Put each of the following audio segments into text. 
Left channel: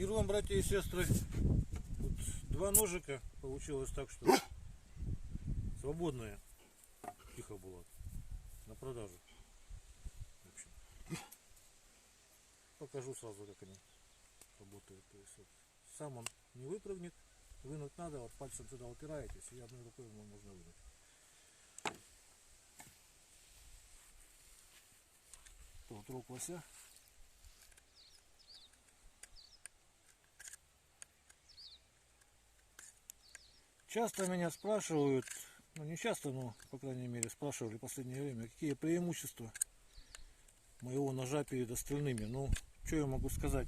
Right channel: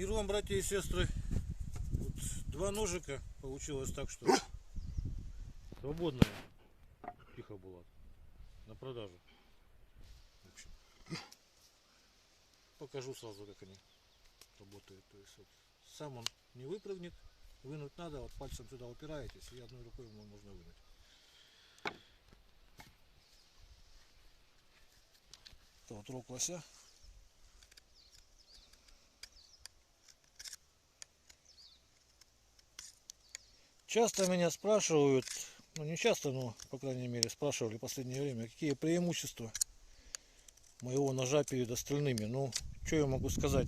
Мир вам, братья и сестры. Вот два ножика получилось так, что свободные. Тихо было. На продажу. В общем, покажу сразу, как они работают. То есть вот, сам он не выпрыгнет. Вынуть надо, вот пальцем сюда упираетесь, и одной рукой его можно вынуть. Вот рог лося. Часто меня спрашивают, ну не часто, но по крайней мере спрашивали в последнее время, какие преимущества моего ножа перед остальными. Ну, что я могу сказать?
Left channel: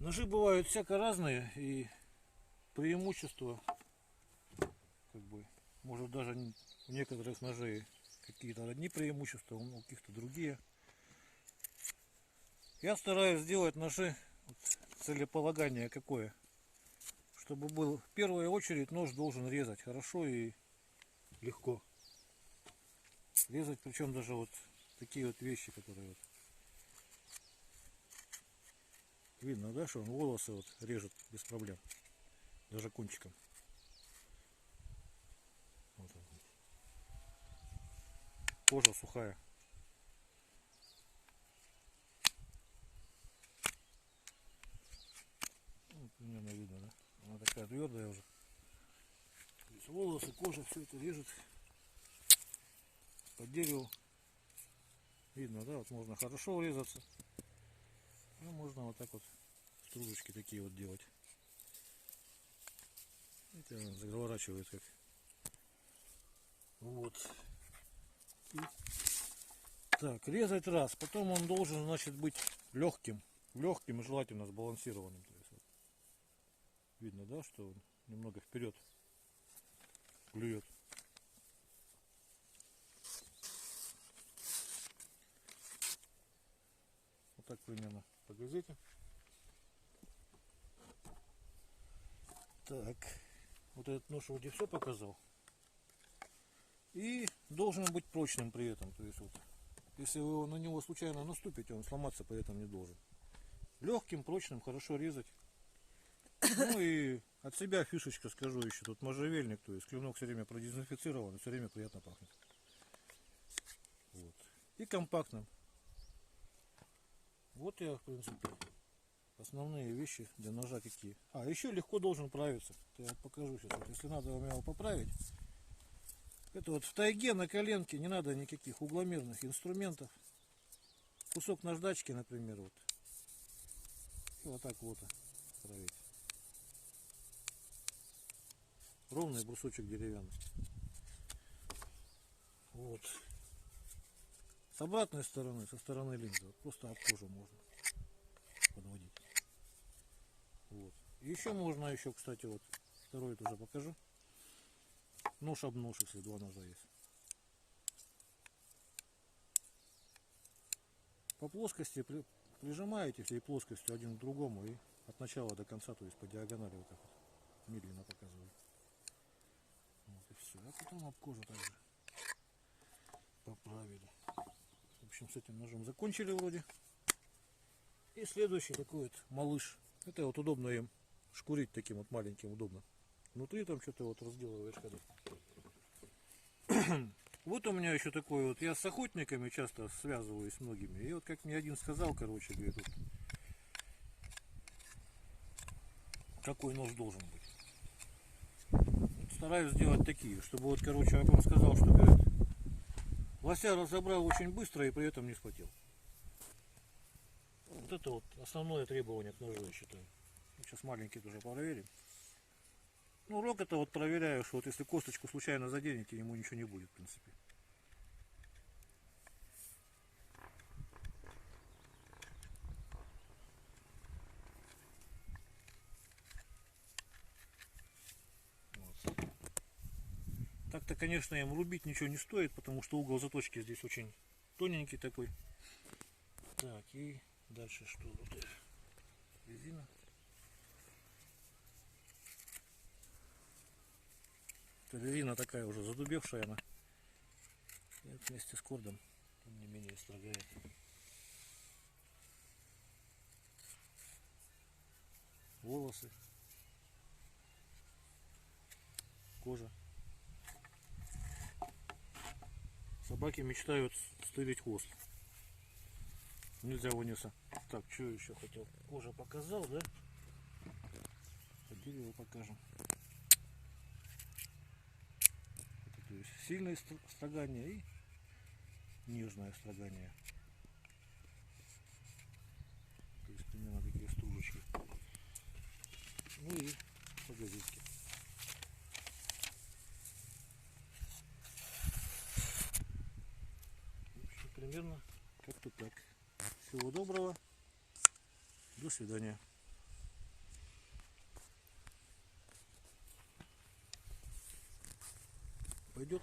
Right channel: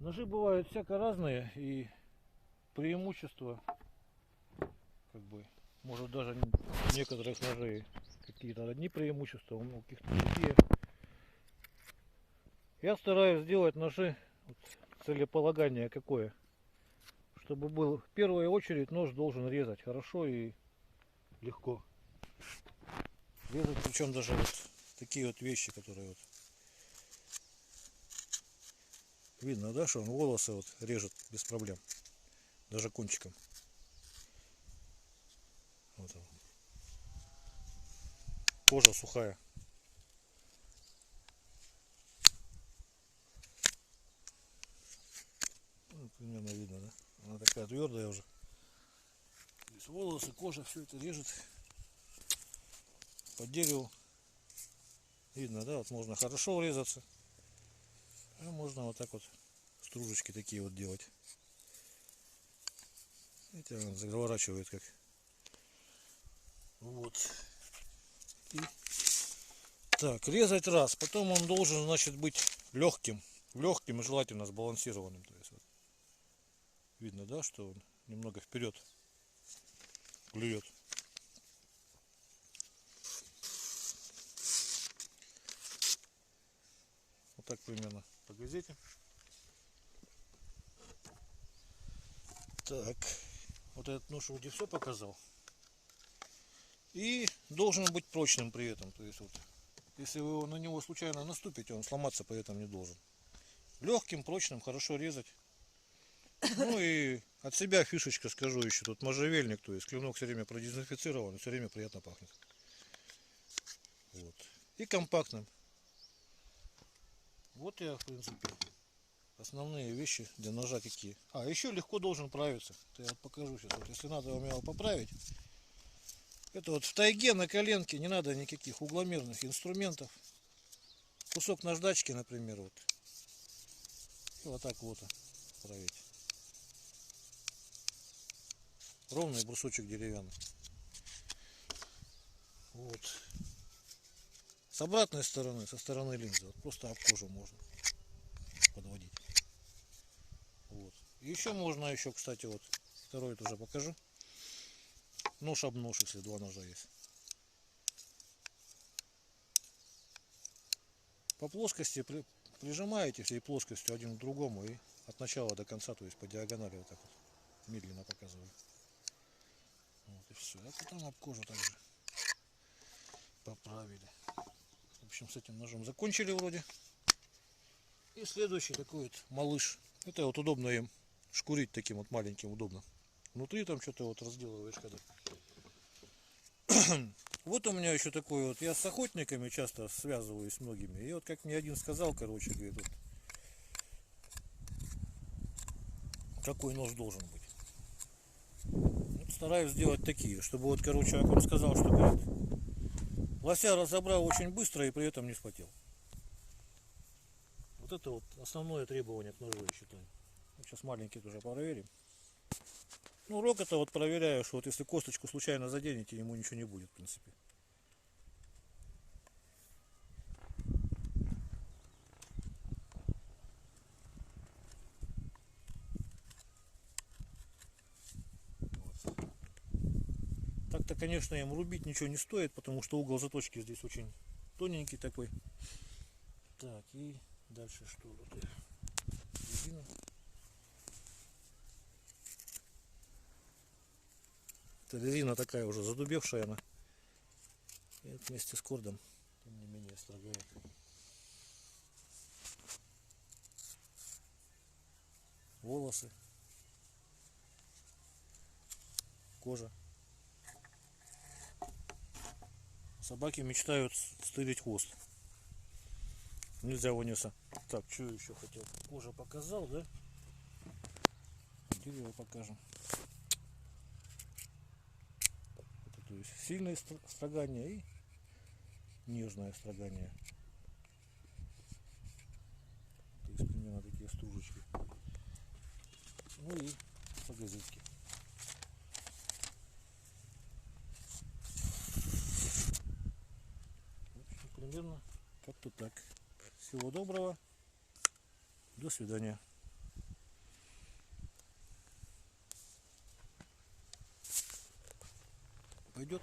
Ножи бывают всяко разные, и преимущества, как бы, может даже некоторых ножей какие-то одни преимущества, у каких-то другие. Я стараюсь сделать ножи, вот, целеполагание какое, чтобы был в первую очередь нож должен резать хорошо и легко. Резать, причем даже вот такие вот вещи, которые вот видно, да, что он волосы вот режет без проблем, даже кончиком. Вот он. Кожа сухая. Ну, примерно видно, да? Она такая твердая уже. То есть волосы, кожа, все это режет по дереву. Видно, да? Вот можно хорошо врезаться. А можно вот так вот стружечки такие вот делать. Это он заворачивает как. Вот. И так, резать раз. Потом он должен, значит, быть легким. Легким и желательно сбалансированным. То есть, вот, видно, да, что он немного вперед клюет. Вот так примерно по газете. Так, вот этот нож вроде все показал. И должен быть прочным при этом. То есть вот, если вы на него случайно наступите, он сломаться при этом не должен. Легким, прочным, хорошо резать. Ну и от себя фишечка скажу еще. Тут можжевельник, то есть клинок все время продезинфицирован, все время приятно пахнет. Вот. И компактным. Вот я, в принципе, основные вещи для ножа какие. А, еще легко должен правиться. Это я покажу сейчас. Вот, если надо вам его поправить. Это вот в тайге на коленке не надо никаких угломерных инструментов. Кусок наждачки, например, вот. И вот так вот править. Ровный брусочек деревянный. Вот. С обратной стороны, со стороны линзы, вот просто об кожу можно подводить. Вот. Еще можно, еще, кстати, вот второй тоже покажу. Нож об нож, если два ножа есть. По плоскости прижимаете всей плоскостью один к другому и от начала до конца, то есть по диагонали вот так вот медленно показываю. Вот и все. А потом об кожу также поправили. В общем, с этим ножом закончили вроде. И следующий такой вот малыш. Это вот удобно им шкурить таким вот маленьким, удобно. Внутри там что-то вот разделываешь когда. Вот у меня еще такой вот, я с охотниками часто связываюсь с многими. И вот как мне один сказал, короче, говорит, вот, какой нож должен быть. Вот стараюсь сделать такие, чтобы вот, короче, как он сказал, что говорит, лося разобрал очень быстро и при этом не спотел. Вот это вот основное требование к ножу, я считаю. Сейчас маленький уже проверим. Ну, рог это вот проверяю, что вот если косточку случайно заденете, ему ничего не будет, в принципе. Вот. Так-то, конечно, им рубить ничего не стоит, потому что угол заточки здесь очень тоненький такой. Так, и дальше что тут? Резина. Это резина такая уже задубевшая она. И вместе с кордом, тем не менее, строгает. волосы, кожа. Собаки мечтают стырить хвост. Нельзя вынесла. Так, что еще хотел? Кожа показал, да? Дерево покажем. Это, то есть сильное строгание и нежное строгание. То есть примерно такие стружечки. Ну и погодите. Примерно как-то так. Всего доброго. До свидания. Пойдет?